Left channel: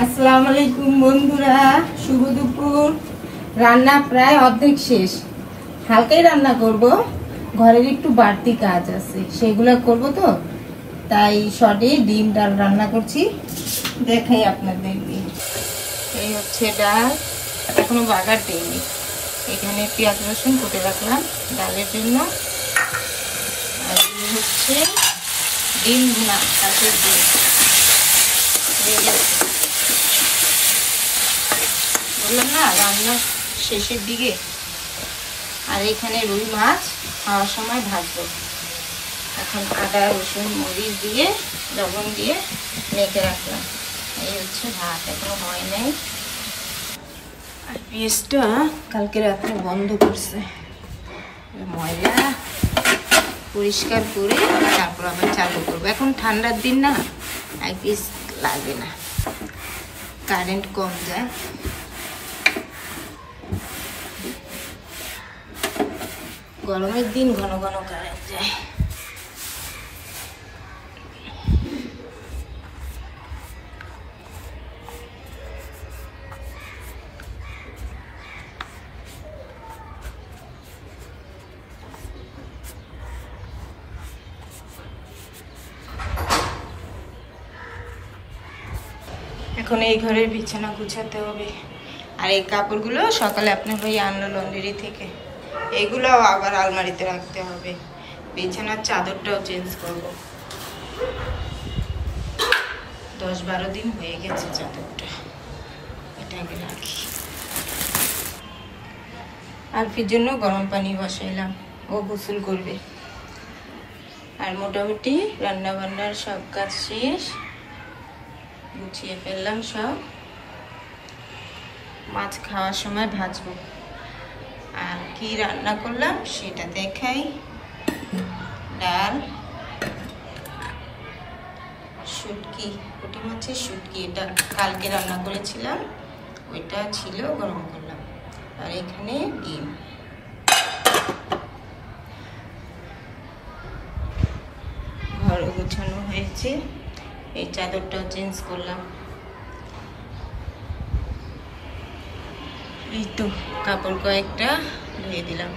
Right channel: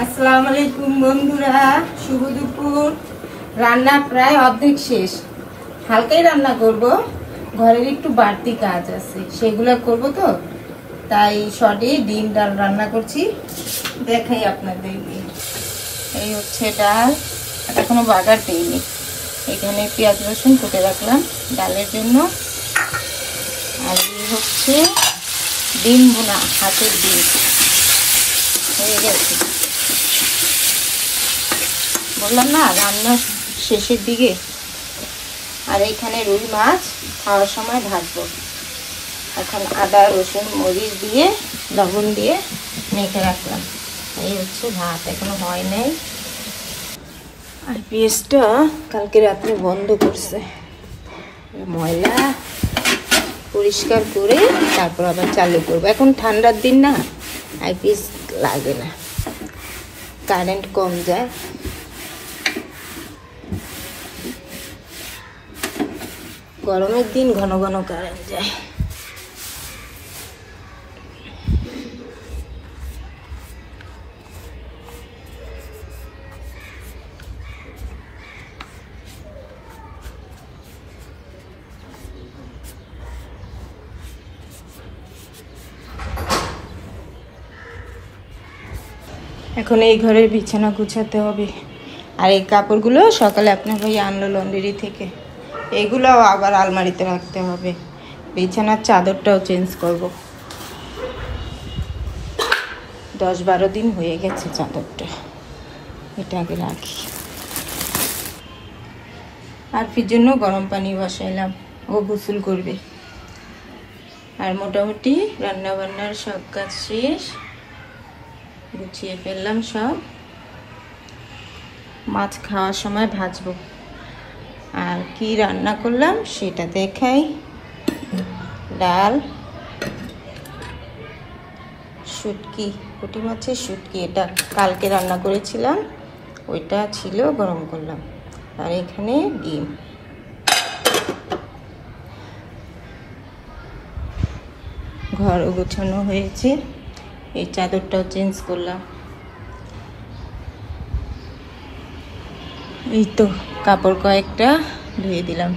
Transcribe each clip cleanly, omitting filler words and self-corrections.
আসসালামু আলাইকুম বন্ধুরা, শুভ দুপুর। রান্না প্রায় অর্ধেক শেষ, হালকাই রান্না করব, ঘরের একটু বাড়তি কাজ আছে সেগুলো করব, তো তাই শর্টে ডিম ডাল রান্না করছি, দেখাই আপনাদেরকে। এই হচ্ছে ডাল, এখনো বাগার দিইনি। এখানে পেঁয়াজ রসুন কুটে রাখলাম ডালের জন্য। আর হচ্ছে ডিম ভুনা, হাতের ডিম হয়ে গেছে। বললাম না রান্না শেষের দিকে। আর এইখানে রুই মাছ খাওয়ার সময় ভাজবো। এখন আদা রসুন মরিচ দিয়ে লবণ দিয়ে মেখে রাখলাম। এই হচ্ছে ভাত, এখনো হয় নাই। আর পেঁয়াজটা কালকে রাতে বন্ধ করছে, ময়লা পরিষ্কার করে তারপর আবার চালু করবো। এখন ঠান্ডার দিন না, আইপিএস লাগে না, কারেন্ট কম যায়। গরমের দিন ঘন ঘন কারেন্ট যায়। এখন এই ঘরের বিছানা গুছাতে হবে। আর এই কাপড়গুলো সকালে আপনার ভাই আনলো লন্ড্রি থেকে, এগুলোও আবার আলমারিতে রাখতে হবে। বিছানার চাদরটাও চেঞ্জ করব। 10-12 দিন হয়ে গেছে চাদরটা, এটা আগে রাখি। আর ফির জন্য গরম পানি বসাইলাম, ও গোসল করবে। আর মোটামুটি রান্না বান্নার সব কাজ শেষ, গুছিয়ে ফেললাম সব। মাছ খাওয়ার সময় ভাজবো। আর কি রান্না করলাম সেটা দেখাই। ডাল, শুটকি, পুঁটি মাছের শুটকি, এটা কালকে রান্না করেছিলাম, ওইটা ছিল, গরম করলাম। আর এখানে ডিম। ঘরও গোছানো হয়েছে, এই চাদরটাও চেঞ্জ করলাম। এই তো কাপড় কয়েকটা ধুয়ে দিলাম।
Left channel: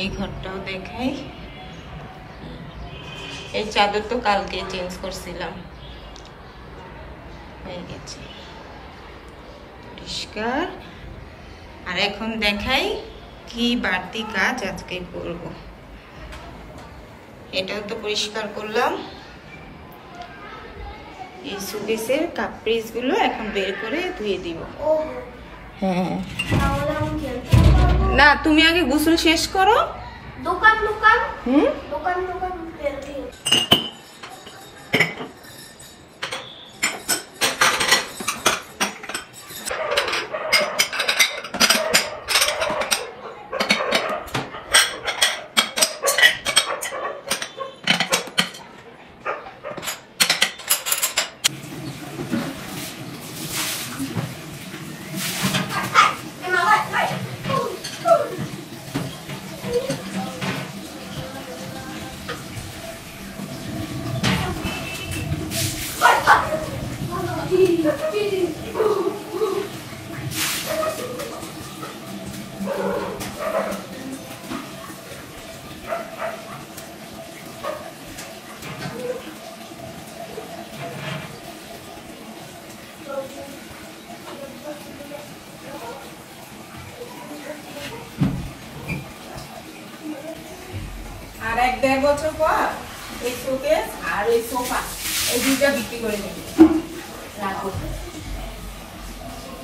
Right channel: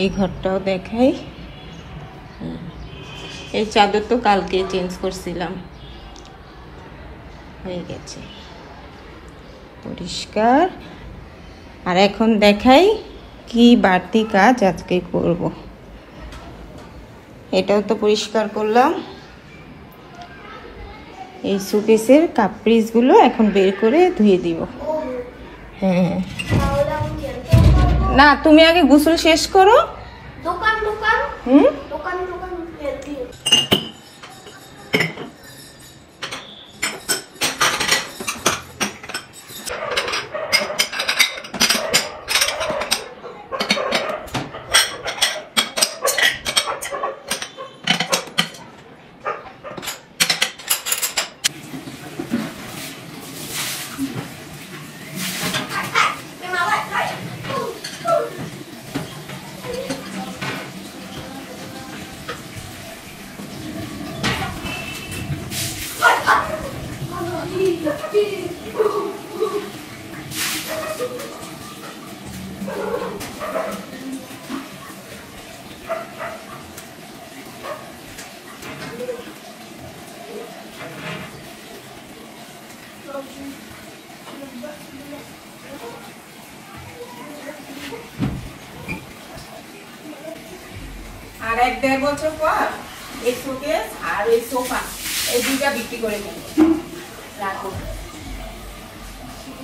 এই ঘরটাও দেখাই। এই চাদর তো কালকে চেঞ্জ করছিলাম, হয়ে গেছে পরিষ্কার। আর এখন দেখাই কি বাড়তি কাজ আজকে করব। এটাও তো পরিষ্কার করলাম। এই সুকেসের কাপড়গুলো এখন বের করে ধুয়ে দিব। না, তুমি আগে গোসল শেষ করো। দোকান দোকান দোকান দোকান আর 1-1.5 বছর পর এই শোকেস আর এই সোফা, এই দুইটা বিক্রি করে দেব। রাখো,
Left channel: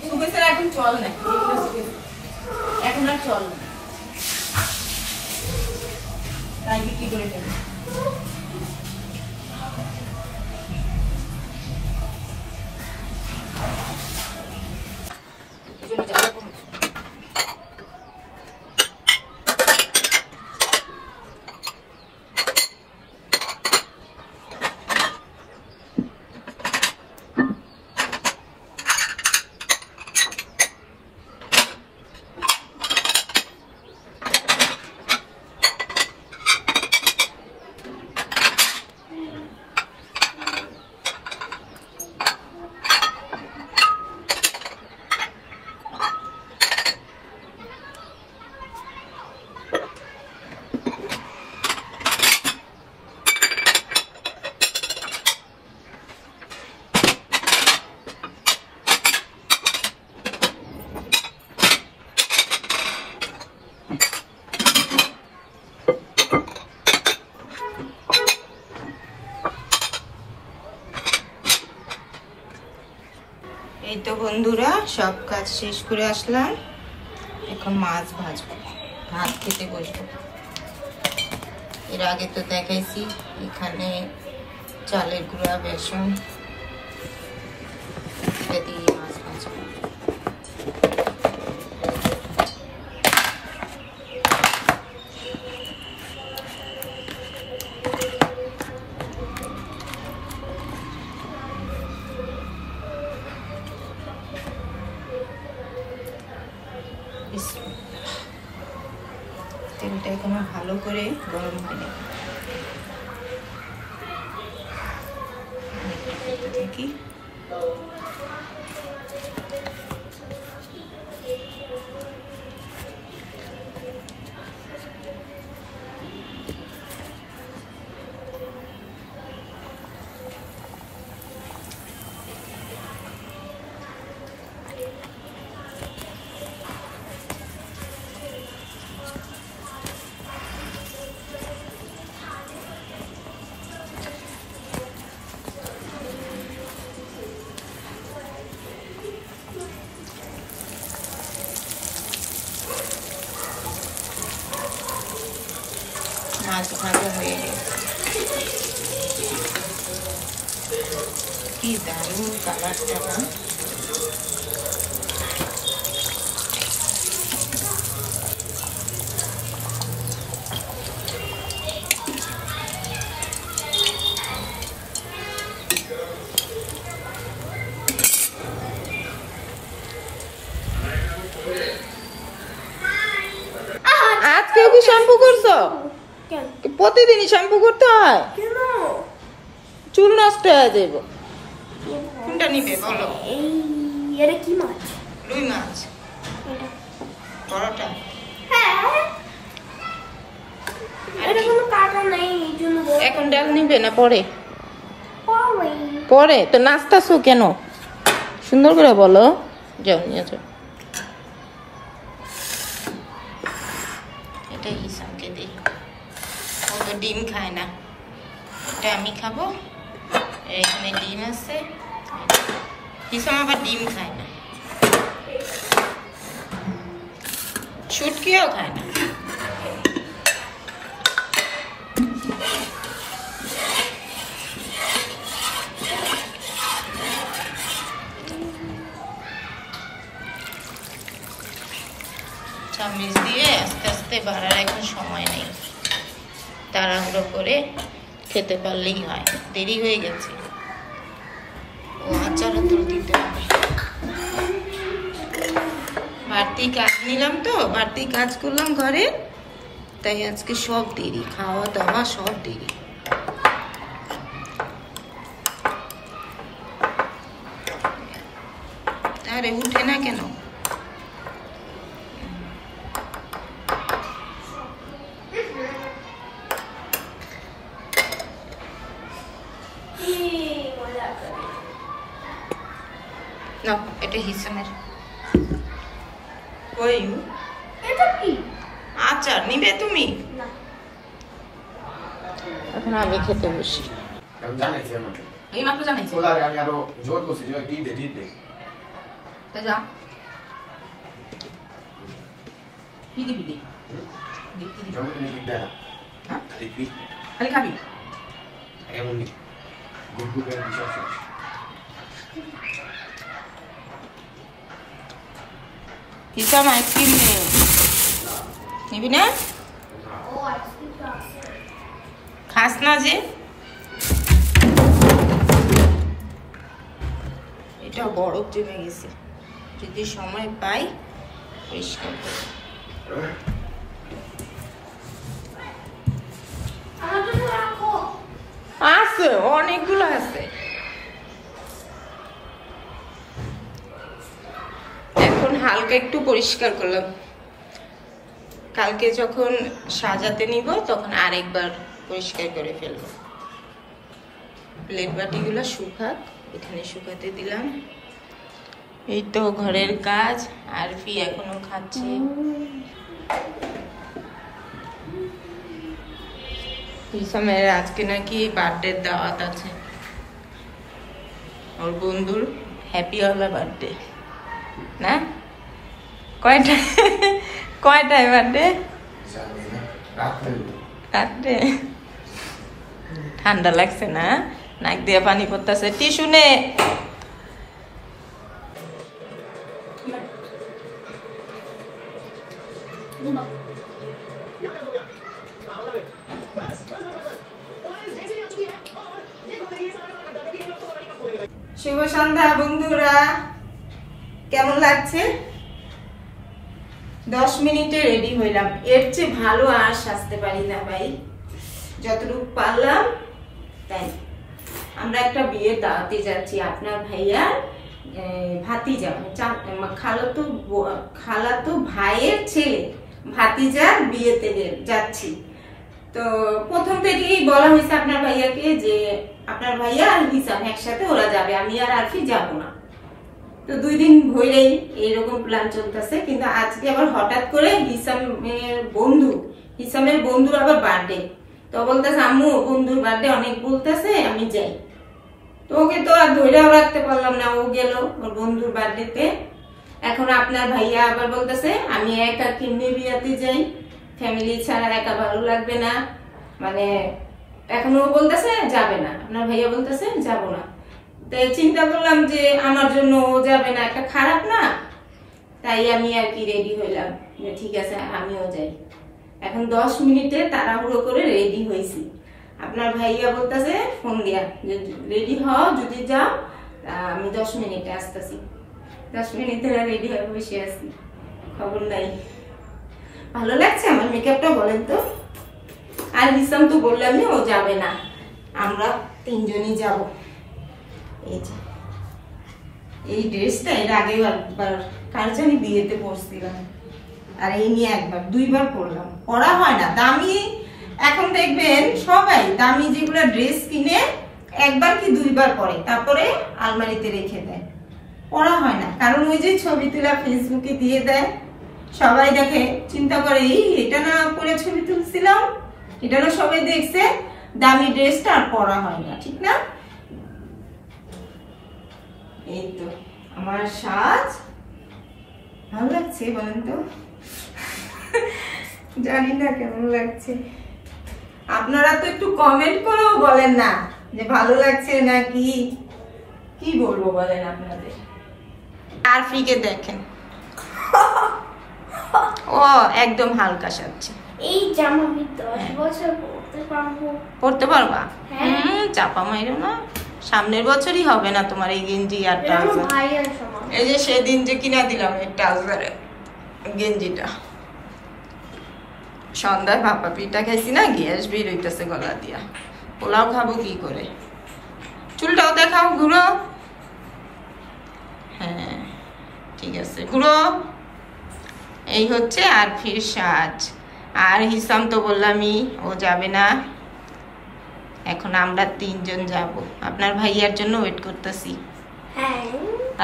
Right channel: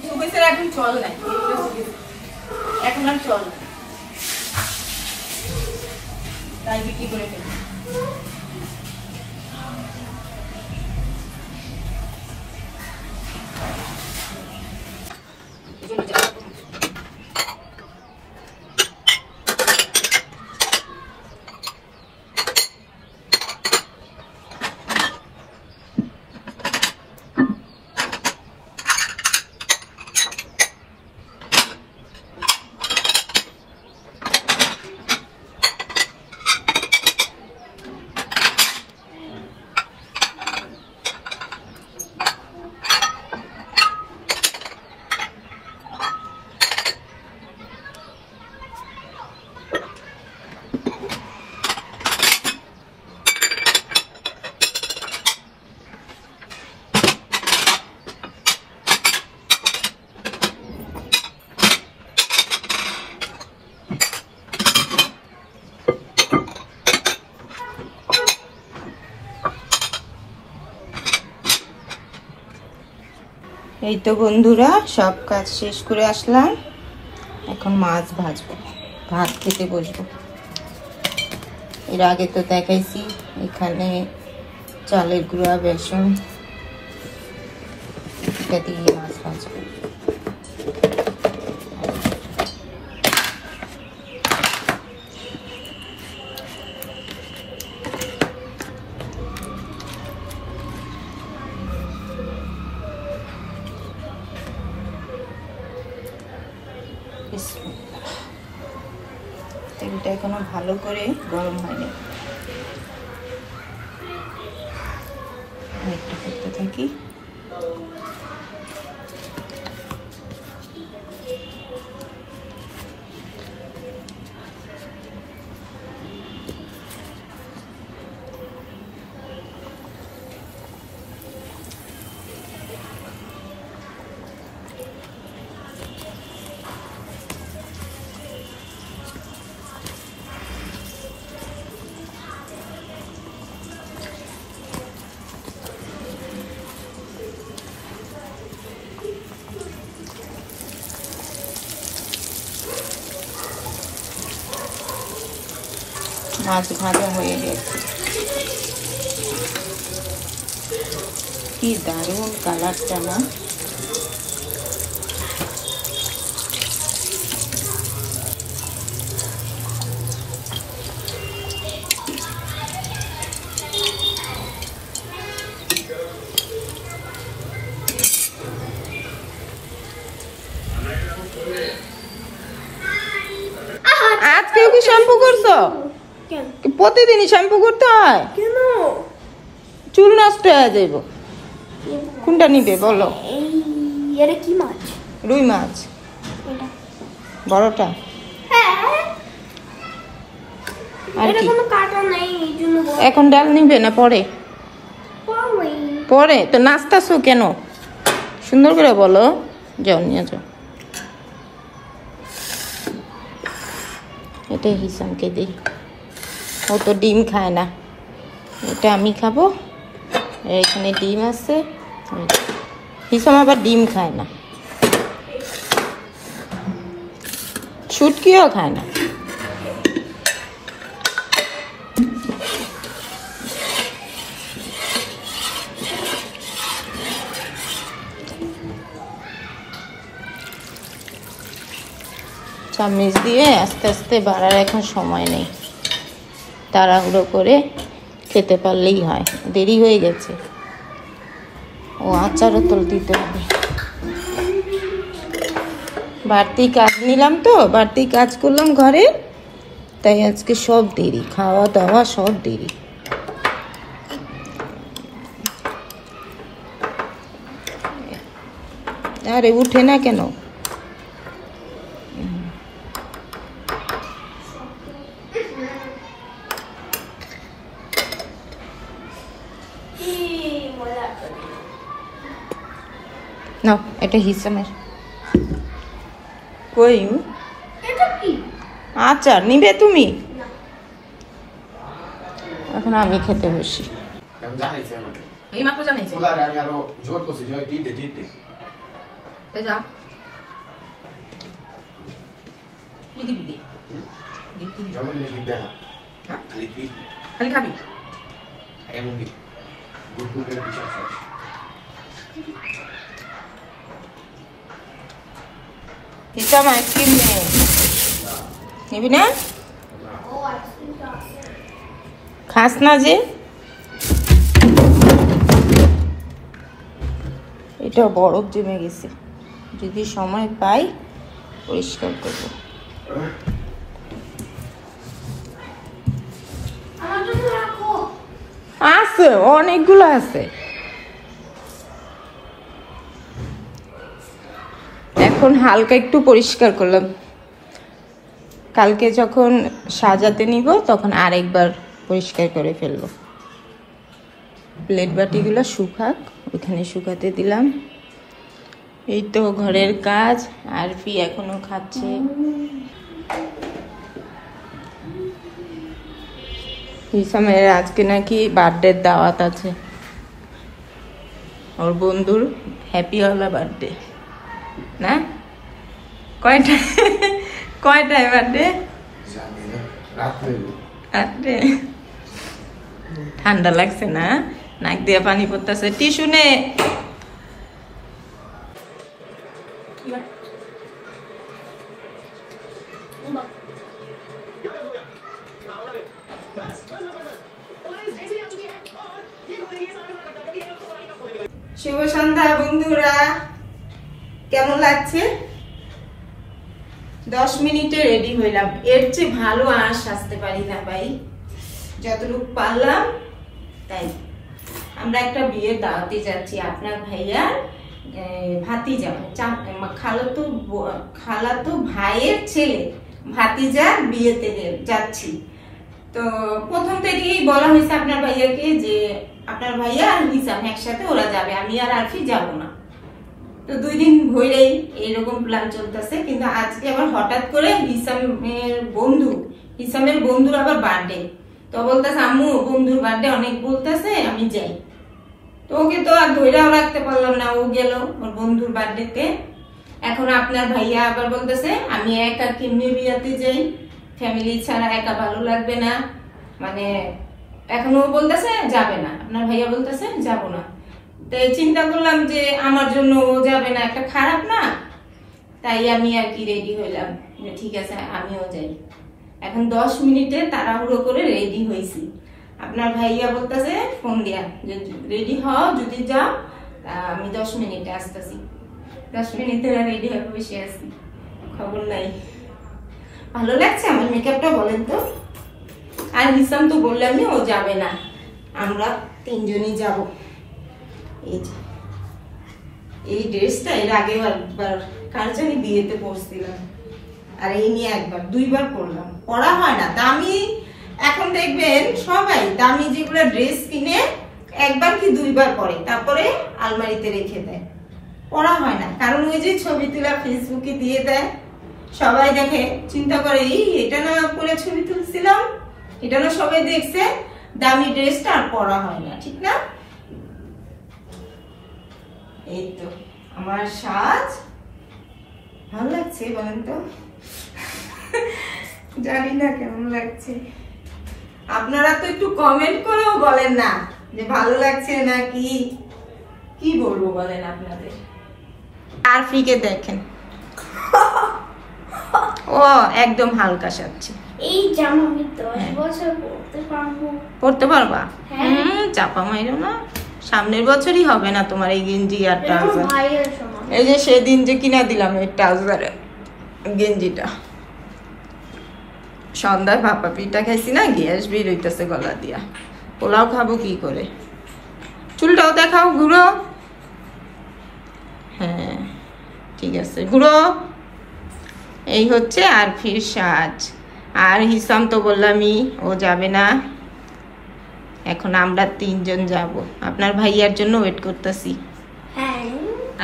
শোকেসের এখন চল নাই, এখন আর চল না, তাই বিক্রি করে দেব। এই তো বন্ধুরা সব কাজ শেষ করে আসলাম, এখন মাছ ভাজবো, ভাত খেতে বসবো। এর আগে তো দেখাইছি, এখানে চালের গুঁড়া, বেসন এটা দিয়ে মাছ ভাজবো। তেলটা এখনো ভালো করে গরম হয়নি, একটা করতে থাকি। মাছ ভাজা হয়ে গেছে, কি দারুণ কালারটা না। আজকে কি শ্যাম্পু করছো? প্রতিদিনই শ্যাম্পু করতে হয় কেন? চুল নষ্ট হয়ে যাইব। কোনটা নিবে বলো? এই কি মাছ? রুই মাছ। বড়টা? এখন ডাল নিবে না পরে? পরে তো নাচতেছো কেন? সুন্দর করে বলো। যাও নিয়ে যাও। এটা হিসামকে দিই, ও তো ডিম খায় না, এটা আমি খাবো। এখানে ডিম আছে, হিসাম আবার ডিম খায় না, শুটকিও খায় না। চামচ দিয়ে আস্তে আস্তে বাড়ার এখন সময় নেই, তাড়াহুড়ো করে খেতে পারলেই হয়, দেরি হয়ে গেছে। ও আচারও তো দিতে হবে, বাড়তি কাজ নিলাম তো, বাড়তি কাজ করলাম ঘরে, তাই আজকে সব দেরি, খাওয়া দাওয়া সব দেরি। আরে উঠে না কেন? না এটা হিসামের। কই আচার নিবে তুমি? এখন আমি খেতে বসি। এই মাত্র জানাইছি। Scusate, mi ero giorno si dice dite. যা কি দিবি? Giorno mi chiede. হ্যাঁ Lì qui. খালি খাবি? Andiamo lì. Gruppo per 18. হিসাব আইসক্রিম নিবি না? খাস না যে? এটা বরফ জমে গেছে, যদি সময় পাই পরিষ্কার করবো। আছে অনেকগুলো আছে, এখন হালকা একটু পরিষ্কার করলাম, কালকে যখন সাজাতে নিব তখন আরেকবার পরিষ্কার করে ফেলবো। প্লেট বাটিগুলো শুকাক, ওইখানে শুকাতে দিলাম। এই তো ঘরের কাজ, আরফি এখনো খাচ্ছে। হিসামের আজকে নাকি বার্থডে দাওয়াত আছে, ওর বন্ধুর হ্যাপি ওলা বার্থডে না? কয়টায় বার্থডে? রাত্রে। ঠান্ডা লাগছে না? নাক দিয়ে পানি পড়তেছে। টিস্যু নে। শুভ সন্ধ্যা বন্ধুরা, কেমন লাগছে? 10 মিনিটে রেডি হইলাম। এর চেয়ে ভালো আর সাজতে পারি না ভাই, যতটুকু পারলাম তাই। আমরা একটা বিয়ের দাওয়াতে যাচ্ছি, আপনার ভাইয়ার ভাতিজা মানে খালাতো ভাইয়ের ছেলে ভাতিজার বিয়েতে যাচ্ছি। তো প্রথম থেকেই বলা হয়েছে আপনার ভাইয়াকে যে আপনার ভাইয়া আর হিসাম একসাথে ওরা যাবে, আমি আর আরফি যাব না। তো 2 দিন ধরেই এইরকম প্ল্যান চলতেছে, কিন্তু আজকে আবার হঠাৎ করে হিসামের বন্ধুর আবার বার্থডে। তো বলতেছে আম্মু বন্ধুর বার্থডে অনেক বলতেছে, আমি যাই। তো ওকে তো আর ধৈর্যও রাখতে পারলাম না, ও গেল ওর বন্ধুর বার্থডেতে। এখন আপনার ভাইয়া আবার বলতেছে আমি একা কেমনে বিয়াতে যাই, ফ্যামিলি ছাড়া একা ভালো লাগবে না, মানে এখন ও বলতেছে যাবে না, আপনার ভাইয়া বলতেছে যাব না। তাই চিন্তা করলাম যে আমার জন্য ও যাবে না, একটা খারাপ না, তাই আমি আর কি রেডি হইলাম যে ঠিক আছে আমিও যাই। এখন 10 মিনিটে তাড়াহুড়ো করে রেডি হয়েছি। আপনার ভাইয়া বলতেছে ফোন দিয়া যে রেডি হও, যদি যাও আমি 10 মিনিটে আসতেছি। 10 মিনিটে রেডি হয়ে বসে আছি, খবর নাই। ভালো লাগছে আমার মেকআপটা বলেন তো? আর হিসাম তো বললামই ও যাবে না, আমরা 3 জনই যাব। এই যে এই ড্রেসটা এর আগে একবার কার জানি বিয়েতে পরছিলাম, আর এই নিয়ে একবার 2বার পরলাম। পরা হয় না দামি, এখন দেখবেন সবাই দামি যেগুলো ড্রেস কিনে একবার কি 2বার পরে, তারপরে আলমারিতে রেখে দেয়, পরা হয় না। কারণ ওই যে ছবি তুলা ফেসবুকে দিয়ে দেয়, সবাই দেখে, চিন্তা করে এটা না পরে ছবি তুলছিলাম, এটা না সবাই দেখছে, দামি ড্রেসটা আর পরা হয় না, ঠিক না? এই তো আমার সাজ ভালো লাগছে বলেন তো? জানি না কেমন লাগছে, আপনারা তো একটু কমেন্ট করেও বলেন না যে ভালো লাগছে নাকি, কি বলবো বলেন আপনাদের। আরফিকে দেখেন, ও একদম হালকা সাজছে। এই জামা আমি 10 বছর পরতে পারবো। পরতে পারবা? চাপা মাইরো না, সামনের বছরই হবে না তোমার এই গেঞ্জি আর ট্রাউজার। এই যে সেদিন যে কিনা দিলাম এই ট্রাউজার গেঞ্জিটা, সন্ধ্যায় ভাপা পিঠা খাইছি না, গ্যাস বের হইতেছে গলা দিয়া, পোলাও খাবো কি করে। চুলটাও দেখাও, ঘুরো। হ্যাঁ ঠিক আছে, ঘুরো। এই হচ্ছে আরফির সাজ। আর হিসাম তো বললামই ও যাবে না, এখন আমরা 3 জন যাব। আপনার ভাইয়ার জন্য ওয়েট করতেছি।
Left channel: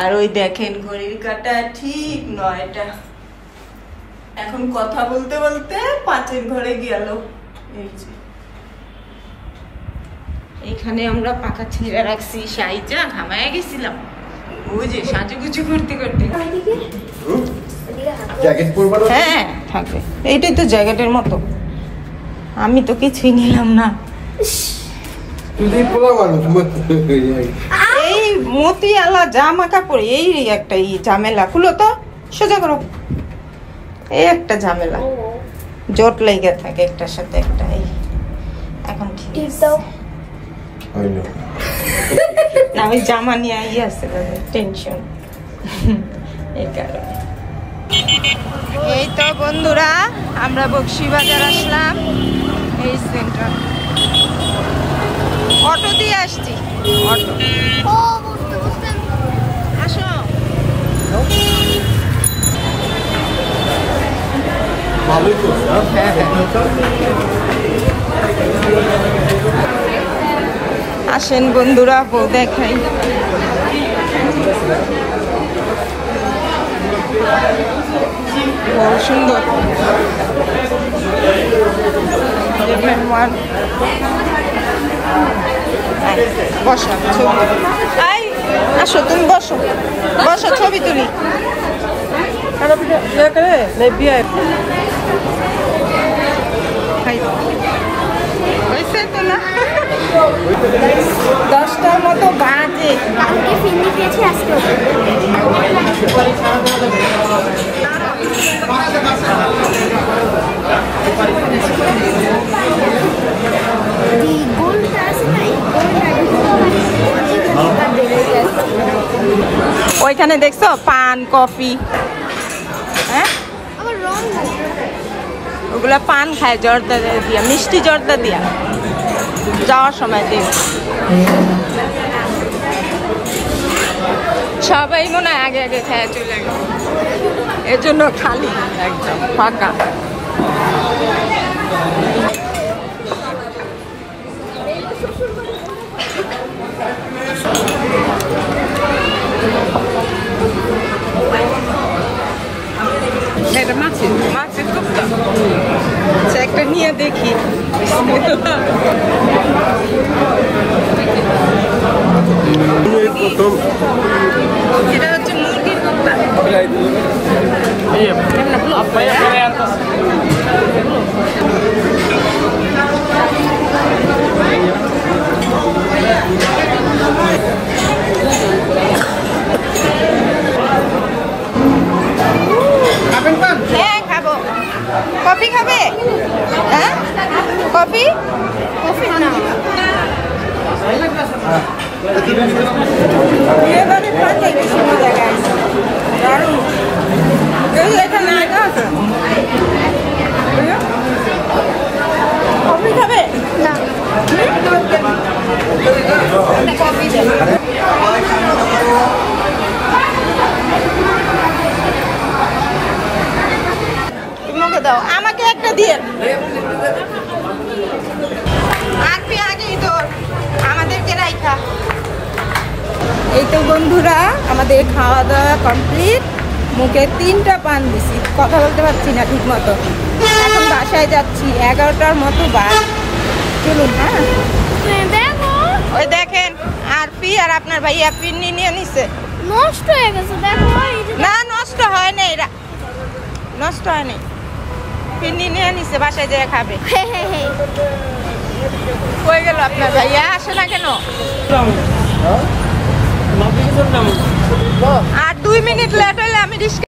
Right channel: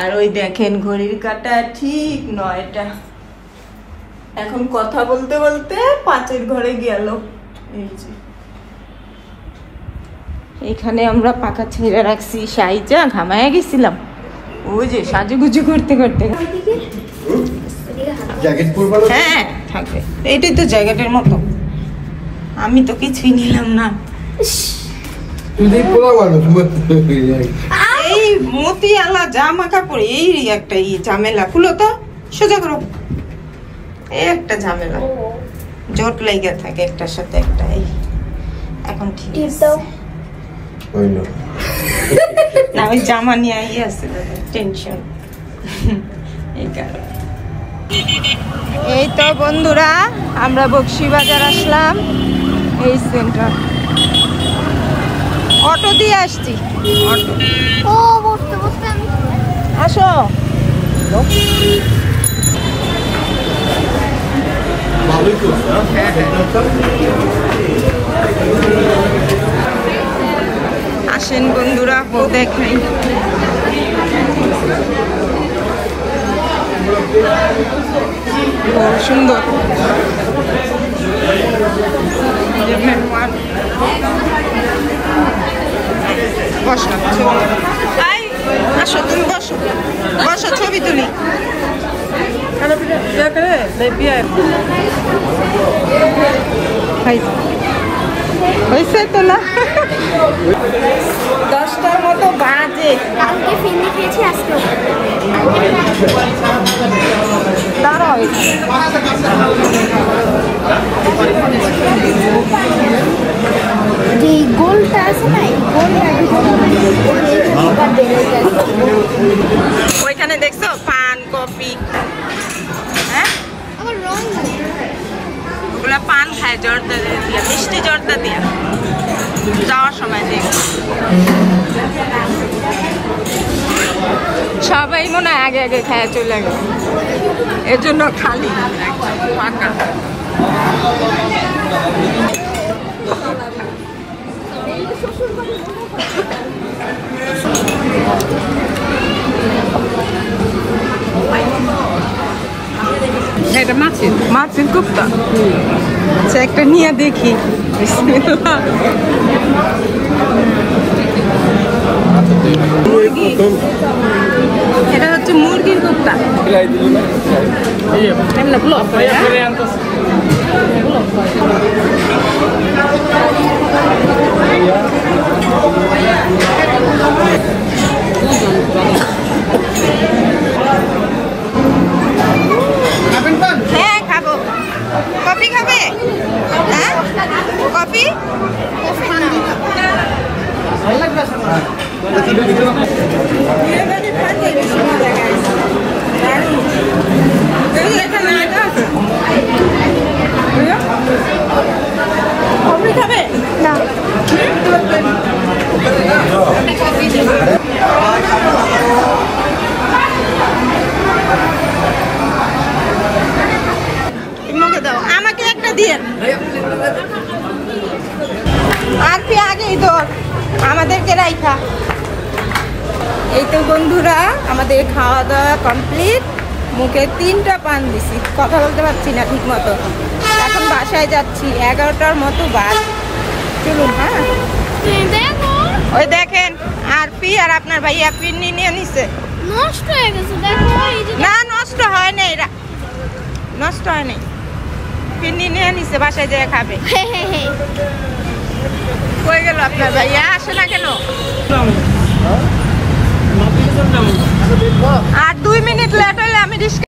আর ওই দেখেন ঘড়ির কাঁটা ঠিক 9টা, এখন কথা বলতে বলতে 5-এর ঘরে গেল। এই যে এখানে আমরা পাখা ছেড়ে রাখছি, সাইজা ঘামায় গেছিলাম, ওই যে সাজুগুজু করতে করতে। হ্যাঁ থাকবে, এইটাই তো জ্যাকেটের মতো। আমি তো কিছুই নিলাম না। এই মতিয়ালা জামা কাপড় এই একটা ঝামেলা, খুলো তো, সোজা করো। এই একটা ঝামেলা, জোট লেগে থাকে একটার সাথে একটা। এখন ঠিক আছে না, ওই জামা নিয়ে আছে টেনশন, এই কারণে। এই তো বন্ধুরা আমরা বক্সিবাজার আসলাম, এই সেন্টার। অটো দিয়ে আসছি, অটো। আসো। আসেন বন্ধুরা, দেখাই। খুব সুন্দর, বসা। আসো তুমি বসো বসো ছবি তুলি হয়েছে তো না 10টার মতো বাজে কালকে ফিরনি খেয়েছি আজকে দাঁড়াও এই গোলটা আছে না এই গোলটা বেড়ে যায় ওইখানে দেখছো পান কফি হ্যাঁ আমার রং লাগে ওগুলা পান খায় জর্দা দিয়ে মিষ্টি জর্দা দিয়ে যাওয়ার সময় দিয়ে সবাই মনে হয় আগে আগে খায় চলে গেল এর জন্য খালি ফাঁকা মাছের কোপ্তা একটা নিয়ে দেখি এটা হচ্ছে মুরগির কোপ্তা হ্যাঁ খাবো কফি খাবে হ্যাঁ কফি এবারে পাঠাই বেশি মজা গাইছে এখানে কফি খাবে না কফি দাও আমাকে একটা দিয়ে আর পি আগেই তোর আমাদেরকে রাইখা এই তো বন্ধুরা আমাদের খাওয়া দাওয়া কমপ্লিট মুখে 3টা পান দিছি কথা বলতে পারছি না ঠিক মতো এখন বাসায় যাচ্ছি 11টার মতো বাজ চলুন হ্যাঁ দেখো ওই দেখেন আর পি আর আপনার ভাইয়া পিন্নি নিয়ে নিছে নষ্ট হয়ে গেছে দেখো না নষ্ট হয় না এরা নষ্ট হয় নাই পিন্নি নিয়ে নিছে বাসায় যেয়ে খাবে কই গেল আপনার ভাইয়া আসে না কেন আর 2 মিনিট লেট হলে আমি